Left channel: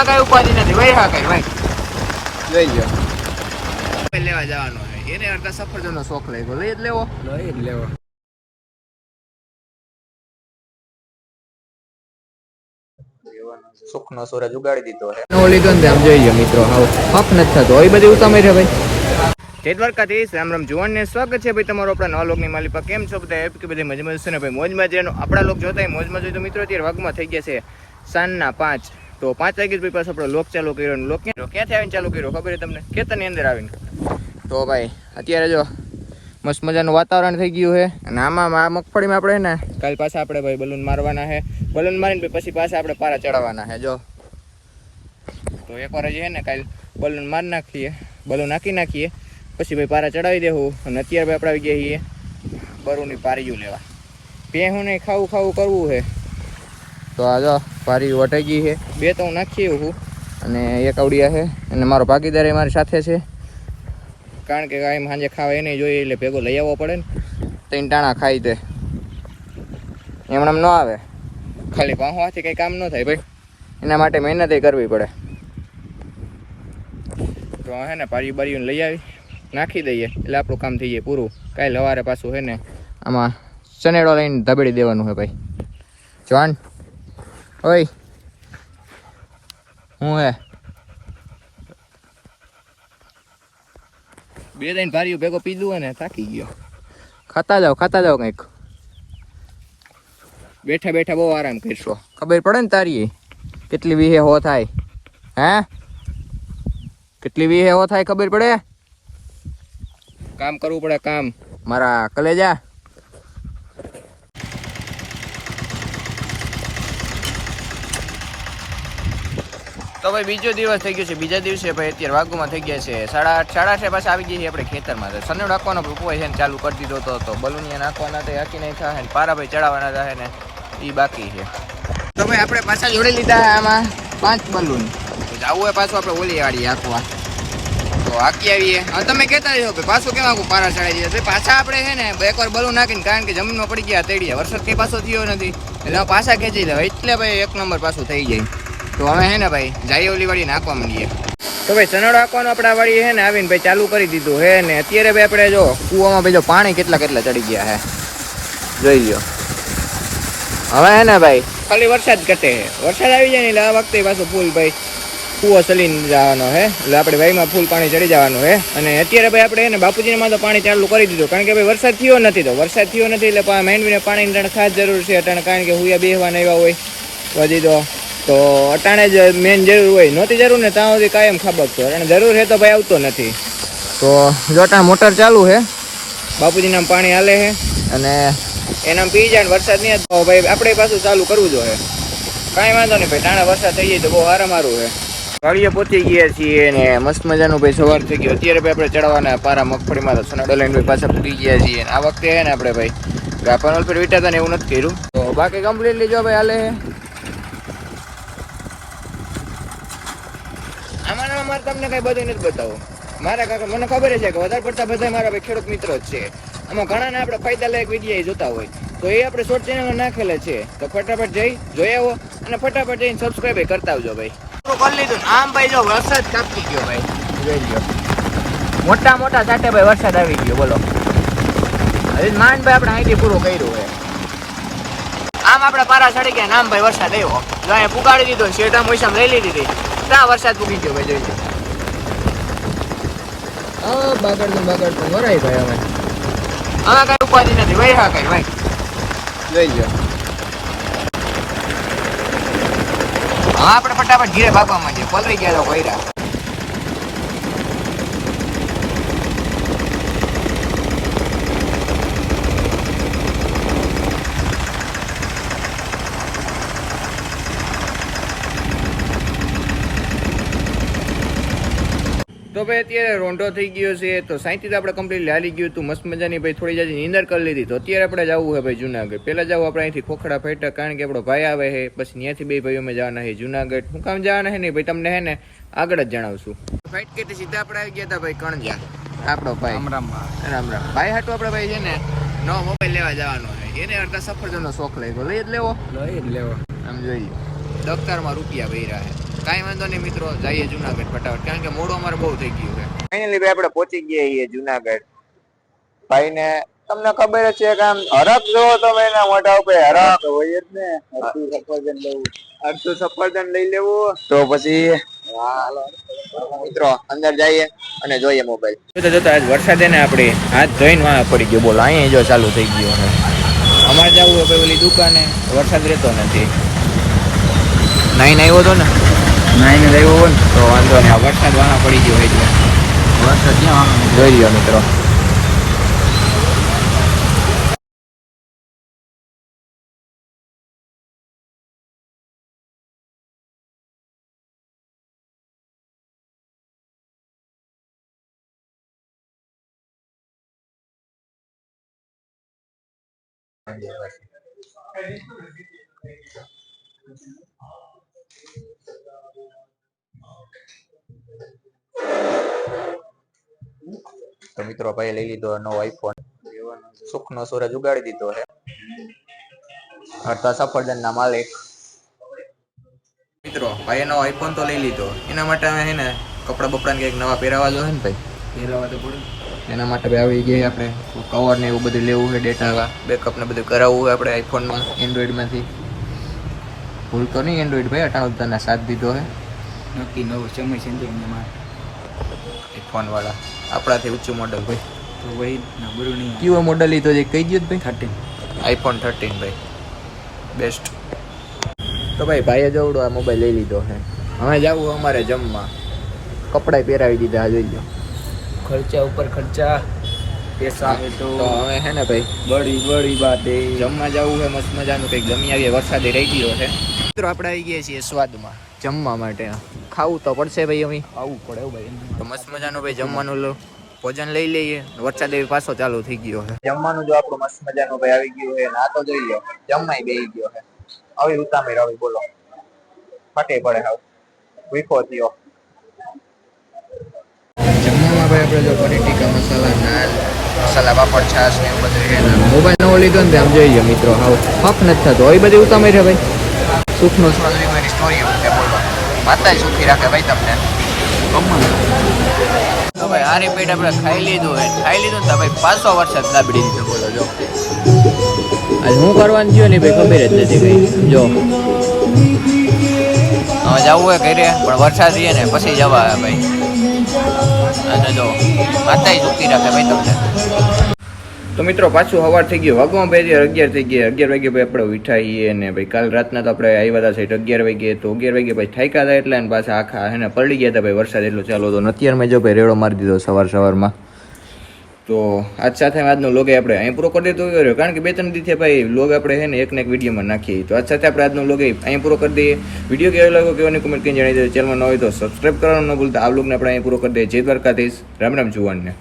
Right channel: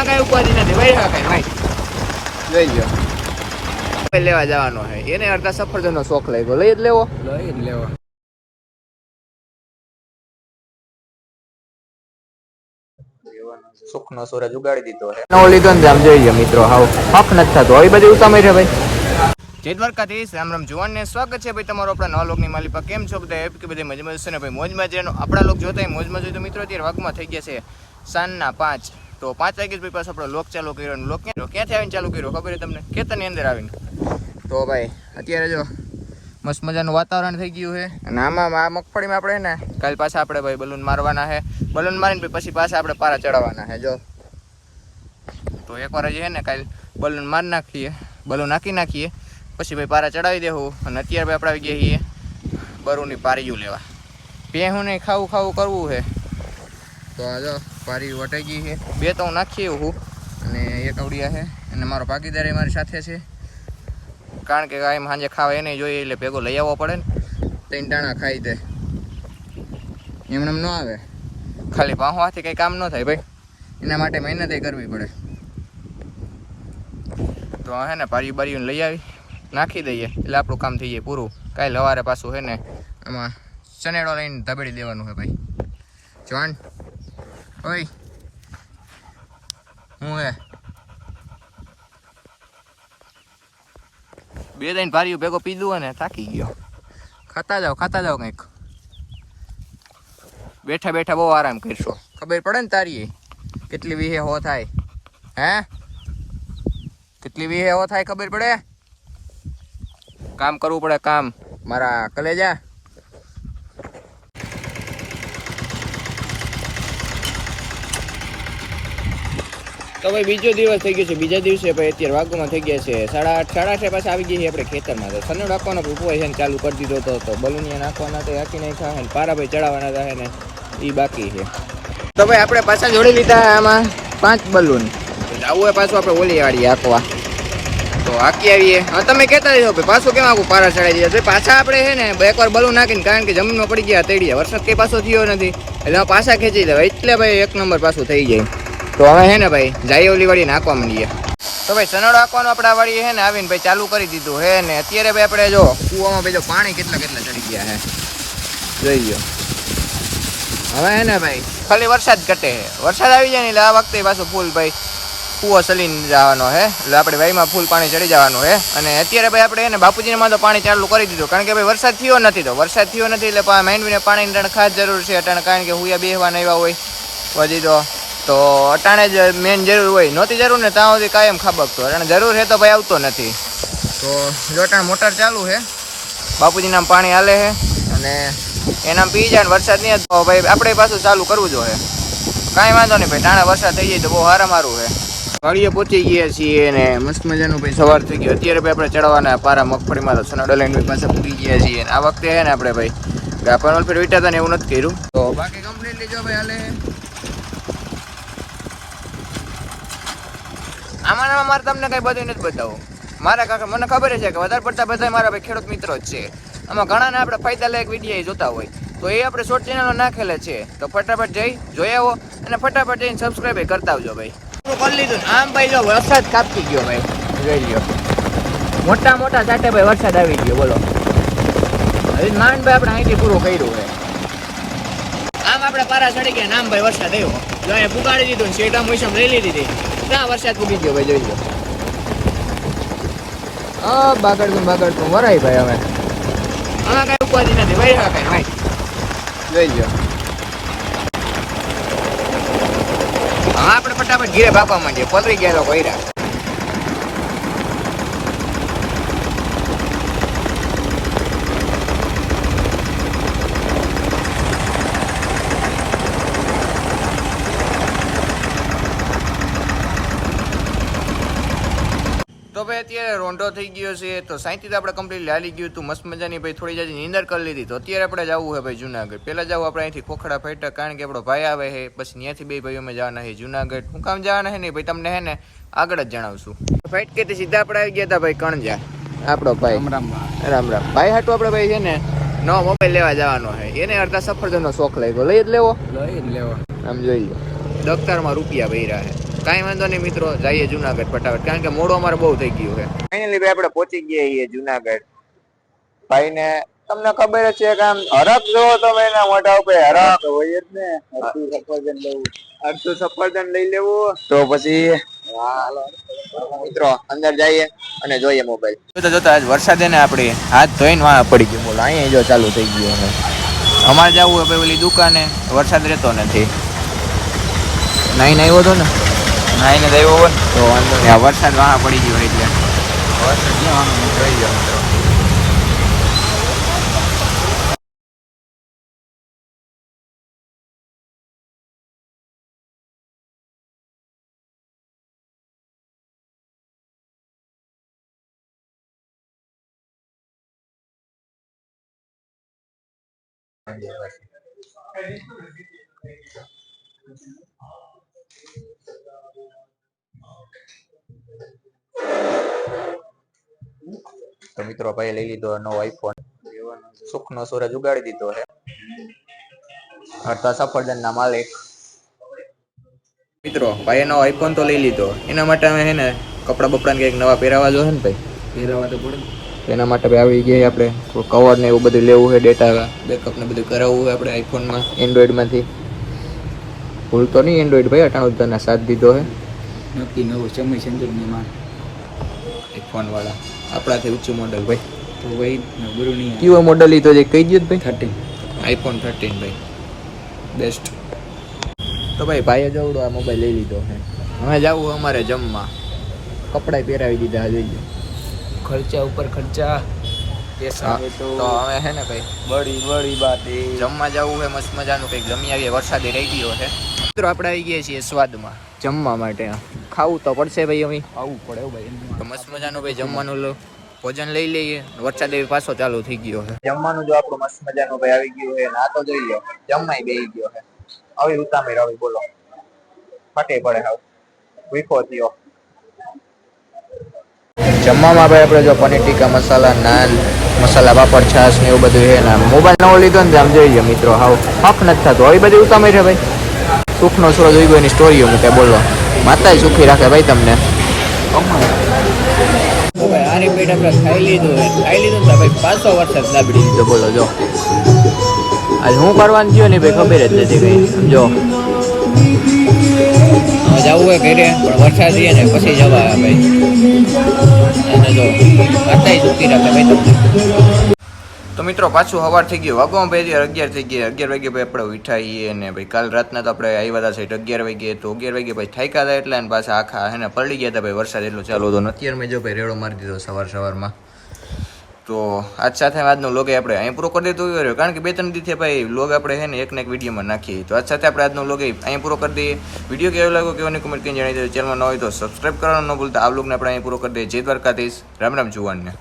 આમાં કઈ ઉપાધિ નથી ભાઈ. હા કઈ ભાઈ લઈ જાઓ લેવા જવાનો છે એને અડધા સફરજન નો શોખ લાગ્યો લઈ જ લેવો સુખનો સૂરજ ઉગાડી દીધો છે નવો લીધો ને આમ જોઈએ મિત્રો હાવ હક નથી થતો આવી બધી ઉતામે છે ભાઈ. જય દ્વારકાધીશ રામ રામ જુવાન ને સ્વાગત છે ભાઈ તમારો આપણા નવા લોકની માલિકા કેમ છો બધા એપ કે બધી મજમજ છે ને ભાઈ મોજમાં જેનો આપણા લોક જોતા હોય મોજમાં જોઈએ તો મિત્રો અત્યારે વાગમાં થઈ ગયા છે સાંજના 5 તો 5 વાગે ભાઈ પાછો આપણો લોક ચાલુ કર્યો અને લોક ક્યાંથી આવીને ચાલુ કર્યો ખબર છે તમને ખેતરની અંદર આવીને. તો ભાઈ અત્યારે જો મસ્ત મજાનું વાતાવરણ થઈ ગયું છે અને આમાં આ મગફળીમાં આપણે ને કાલ પાછા આપણે ભાઈ બલૂન મારવાના છે બલૂન મારીને પછી પાછા આપણે પારા ચડાવવાના છે જો. તો એકવાર હજી છે ને કાલ બલૂન મારી નાખીએ બલૂન નાખી નાખીએ પછી ભાઈ પારા ચડાવી દેવું અને અત્યારે ભાઈ આપણે આવી ગયા છીએ બરુની પારીયું લેવા. ભેહું નહીં ખાવું કરવું છે તો આ જો પારી વટાઈ ગઈ છે બે તો હું નાખી હું અને એક આવડિયા છે અને મારો ભાગીદાર એ મારી સાથે છે કારણ કે કાંઈ સાંજે ખાવા એને જોઈએ એટલે ભેગો લઈ આવવો પડે ને 3 ટાણા ખાઈ તે એમણે ન આવે ખાલી પાંચમાંથી કંઈ કામ ન થાય ભાઈ એના માટે મહેનત કરવી પડે. તો હે ને પારી બારીઓને લઈ આવી નાખી દઈએ એટલે આપણું કામ થઈ જાય પૂરું. કાંઈ સવારે પાછું છે ને આમાં ચનેડો લઈને ધબેડી દેવાનું છે ભાઈ. જવાન ઓય હું હે 2-3 ભારીઓ ભેગો પીધું હોય ને થાકી ગયો. ખાતા જાઓ કંઈક બેઠા બેઠા બહુ આરામ કરશો ખબર પડે ને તારી કેટલી વીહે હો થાય હે કેટલી વીહે હો થાય ખબર પડે. કામ કરવું પડે કામ મારા કલેજા. તો ભાઈ બીજો દિવસ થઈ ગયો છે બીજા દિવસે ભાઈ અત્યારે વાગુમાં થઈ ગયા છે 8:30 પાછા આવી ગયા છે આપણે ખેતરમાં. તો સનેડો નાખવાનો ઉપાય છે ને ચાલુ કરી દીધો તો બલૂનિયા નાખવાના તો હાકી નહીં થાય ને પારા ભાઈ ચડાવવાના થાય ને એ બાકી છે. તો ભાઈ આપણે પાછા જોડી લીધા આમાં 5 બલૂન જવું હોય પાછું આપણે ઓલી વાળી હાંકવા તો હાકી આવીએ. હા તમે કહેતા રહ્યો ભાઈ પાછું કેમ આખું પારા ચડાવી દીધા પાછા આપણે છે ને એકવાર બલૂન નાખીને કારણ કે જમીનમાં પડી ગયા તેડીયા વરસાદ કંઈ પાછો થયો નથી એટલે પાછા ખેંચી લેવા એટલે ભાઈ 1 નંબર પાછું થઈ જાય. તો હવે હે ને ભાઈ જાય ઓલી વાળી નાખવા માંડીએ. તો ભાઈ સનડો નાખવાનું આપણા વાળી હે ને આવીને ભાઈ ચાલુ કરી દીધું હે ને અત્યારે ભાઈ આપણે જો કૂવામાં ભાઈ જો પાણી કેટલા ચડી ગયા હે જોઈ લો. હવે હે ને ભાઈ ખાલી વરસાદ ઘટે છે વરસાદ આવી જાય ને એટલે આ વખતે પાછું ફૂલ ભાઈ કૂવો ચલીને જવાનો હે એટલે આપણે ભાઈમાં ફૂલ પાણી ચડી જવાનું હે. અને અત્યારે ભાઈ આપણે હે ને બાપુજીમાં તો પાણી ચાલુ કરી દીધું કારણ કે ભાઈ વરસાદ થયો નથી એટલે માંડવીને પાણીની ખાસ જરૂર છે અટાણે કારણ કે હુયા બેહવા આવ્યા હોય વધી તો અટાણે જ મેન જરૂર હોય નહોતી જરૂર ને ત્યાં સુધી કાયમ ખાબકતો અટાણે જરૂર છે તો ભાઈ આવતો નથી. તો જો અટાણે મોટર ચાલુ છે બાપુજીના પાણી હાલે છે અને એના પી જાય ને વરસાદ નહીં તો ભાઈ આપણે પાછું ચાલુ કરવું જોઈએ. કાંઈ વાંધો નહીં ભાઈ ટાણા વરસાદ થઈ જાય તો બહુ સારું છે. વાડીએ પહોંચી ગયા છીએ ને મસ્ત મજાનું ભાઈ સવાર થઈ ગયું. અત્યારે ભાઈ આપણે ચડાવવાના પારા મગફળીમાં તો સનડો લઈને ભાઈ પાછા પૂરી ગયા છીએ. આ વખતે છે ને આપણે ભાઈ ગાપણ ફેર વીટાતા ને એવું નથી કર્યું તો બાકી કમ્પ્લીટલી જો ભાઈ હાલે આમાં મારે તમને કઈ બધું નથી બતાવું મારા કાકા મને ખબર છે કે વધારે પડતા બધા મારા ભાઈ ખેડૂત મિત્રો જ છે. આમાં ઘણાને આપણે ફાયદાલાયક વિડીયો જોતા હોય તો એ આપણે શોર્ટ ચેનલો નાખેલા છે તો ફટાફટ જઈ જોઈ આવો અને ફટાફટ જઈને સબસ્ક્રાઈબ કરતા આવજો ભાઈ. કરી લીધું આમ ભાઈ જો વરસાદ કાપતી ગયો ભાઈ જોઈ લો મોટા સાથે ભાઈ વરસાદ આવી ગયો બોલો માંડ ભાઈ આપણે અહીંથી પૂરું કર્યું છે. આમ આપણે પારા ચડી ગયા આમ ભાઈ વરસાદ આવ્યો જો અહીંયા પુગાડી દીધો ને શેરડામ પૈસા લઈ લીધી ત્યાં વરસાદ પૂગી ગયો ભાઈ જોઈ લો. બાગડતું વરાય ભાઈ હવે કઈ ઉપાધિ નથી ભાઈ. હા કઈ ભાઈ જોઈ લો. હા આપણે ફટાફટ ઘીરે ભાગવા માંડીએ પલરી ગયા તો ભૈરા. તો ભાઈ અત્યારે રોંઢો થઈ ગયો છે તો સાઈથી આપણે કમ્પ્લીટલી હાલી ગયું હતું મસ્ત મજાની ભાઈ થોડી જાજી નીંદર કરી લીધી. તો અત્યારે આપણે જવું છે ભાઈ જુનાગઢ. પહેલાં જવું આપણે અહીંથી ખોખડા ફેટા કારણ કે આપણો ભાઈ આવે છે પછી ત્યાંથી બે ભાઈઓ અમે જવાના છે જુનાગઢ. હું કામ જવાના છે નહીં ભાઈ તમને હે ને આગળ જ જણાવશું. ફાઇટ કે સીધા આપણે આવી ગયા હતા ભાઈ કણજા આપણો ભાઈ રામ ભાઈ હાટું આપણે ભાઈ છે ને નવો મોબાઈલ લેવા જવાનો છે એને અડધા સફરજનનો શોખ લાગ્યો લઈ જ લેવો આમ જોઈ લો દફતરમાં રૂપિયા ભર્યા છે કાંઈ વાંધો નહીં મિત્રો, જઈએ જુનાગઢ ફટાફટ, કારણ કે મોડું અમારે બહુ થઈ ગયું છે. ફાઇનલી ભાઈ આપણે પહોંચી ગયા છીએ જુનાગઢ. ભાઈ ને તમને ખબર જ છે કે આમ હરખ જોવો તમે એના મોઢા ઉપર હરખ હોય જ ને. અડધું સફરજન લઈ લેવું તો પછી મિત્રો અંદર જઈએ અને જોઈએ મોબાઈલ. જોતા જોતા આજ વરસાદ એને આપણી હાથ ધોઈને વાહ પડી ગયો. બોલો અહીંયા જો ચાલુ થઈ ગયું. અમારે જવું હોય ભાઈ ઓલી દુકાને, વરસાદ રહેતો નથી. નાઈને આવ્યો તો ને વરસાદ વાહ પડી ગયો એટલે વરસાદ જોઈ લ્યો મિત્રો. તો મિત્રો ભાઈ લઈ લીધો નવો આઈફોન. સુખનો સૂરજ ઉગાડી દીધો છે. હરતા સફરજન ના માલિક મિત્રો ભાઈ નવો આઈફોન તો લઈ લીધો. એના માટે અમે હે ને કપડા બપડા ને કઈક નવા પહેરાવા જો છે ને ભાઈ, પહેરાવા તો પડે. એના માટે ભાઈ આવી ગયા આપણે કવર ને એવું બધું લેવું છે, ડેટા બેકઅપ ને બધું કરાવવું છે આપણે આઈફોનમાં, એન્ડ્રોઈડ માંથી. ભૂલતો નહીં એન્ડ્રોઈડ ભાઈ 98 સાથ દીધો છે નક્કી નવો સમય સંજોગમાં આઈફોન વાળા આપણાથી ઊંચું મોડલ ભાઈ. તો ભાઈ નબળું નહીં. કયો મોડલ લીધો છે કહી દો ભાઈ. 13 આઈફોન 13 ભાઈ બેસ્ટ. તો ભાઈ ભાઈએ જવડો આ મોબાઈલ લઈ લીધો છે. હવે જવું અમારે જમવા, કપડાં પહેરાવી દીધા જોઈ લો. ખર્ચા ઉપર ખર્ચા પૈસા. તો હવે હે ને ભાઈ બળી બાતે જમવા જવું છે મસ્ત મજાનું કંઈક જમી આવીએ. વરસાદે રહી ગયો છે મિત્રો. આપણે આવી ગયા છીએ સ્વાદમાં જમવા માટે. ખાવું તો પડશે ભાઈ, અમે ખાવું પડે ભાઈ. તો મસ્ત મજાનું ભાઈ જમવાનું ભોજન લઈ લઈએ. વરસાદ એવી પાછો ચાલુ થઈ ગયો છે. જમવાનું જો આપણું મસ્ત મજાનું ભાઈ આવી ગયું છે. ના તો જોઈ લો જમવાય બેસી ગયો છે. આવી ઉતામે રવી બોલો ફાટે પડે. હવે વીખો થયો. જમવામાં ભાઈ આપણે જો પનીર ટીકા મસાલા, નાન, મસાલા પાપડ, છાશ ને એવું બધું છે ને. મોબાઈલ નવો લીધો ને આમ જોઈએ મિત્રો હાવ હક નથી થતો. આવી બધી ઉતામે છે ભાઈ. સુખનો સૂરજ ઉગ્યો એની સ્ટોરીઓ મૂકે બોલવા. માતા સુખી રાખે ભાઈ તમને. તો ભાઈ આ રીપીટ આપણે ખાઈ લીધું ને ભાઈ પાછો વરસાદ દાબડી દીધો બોલો. જો આજ હું કરવાનું થયો ને ભાઈ ખબર જ નથી ગઈ. જો હવે જવું હોય ઘરે પણ વરસાદ છે ને પછી જવા આવે ભાઈ. અને જો માતા સુખી રાખે ભાઈ તમને. તો મિત્રો પાછું સવાર થઈ ગયું. વાગવામાં ભાઈ 11 થઈ ગયા. 11 વાગે ભાઈ આપણે ઉઠાઈએ ને ભાઈ કાલ રાતના તો આપણે આવ્યા હતા સાઈડ 11 વાગે. તો 11 વાગે ભાઈ થાક્યા હતા એટલે પાછા આખા હે ને પલળી ગયા હતા ભાઈ. વરસાદ એટલો ચાલુ હતો. અત્યારમાં જો ભાઈ રેડો મારી દીધો સવારમાં. તો આજ સાથે આજનો લોગ આપણે અહીં પૂરો કરી દેતો રહ્યો, કારણ કે 2-3 દિવસે ભાઈ લોગ આપણે છે ને એક ને એક વિડીયોમાં નાખીએ. તો આજ સાથે આપણે આજનો લોગ અહીં પૂરો કરી દઈએ. વિડીયો કેવો લાગ્યો કેવાની કમેન્ટ કરીને જણાવી દે. ચેનલમાં ન હોય તો સબસ્ક્રાઈબ કરવાનું ન ભૂલતા. આ લોગને આપણે અહીં પૂરો કરી દઈએ. જય દ્વારકાધીશ. રામ રામ જુવાનને.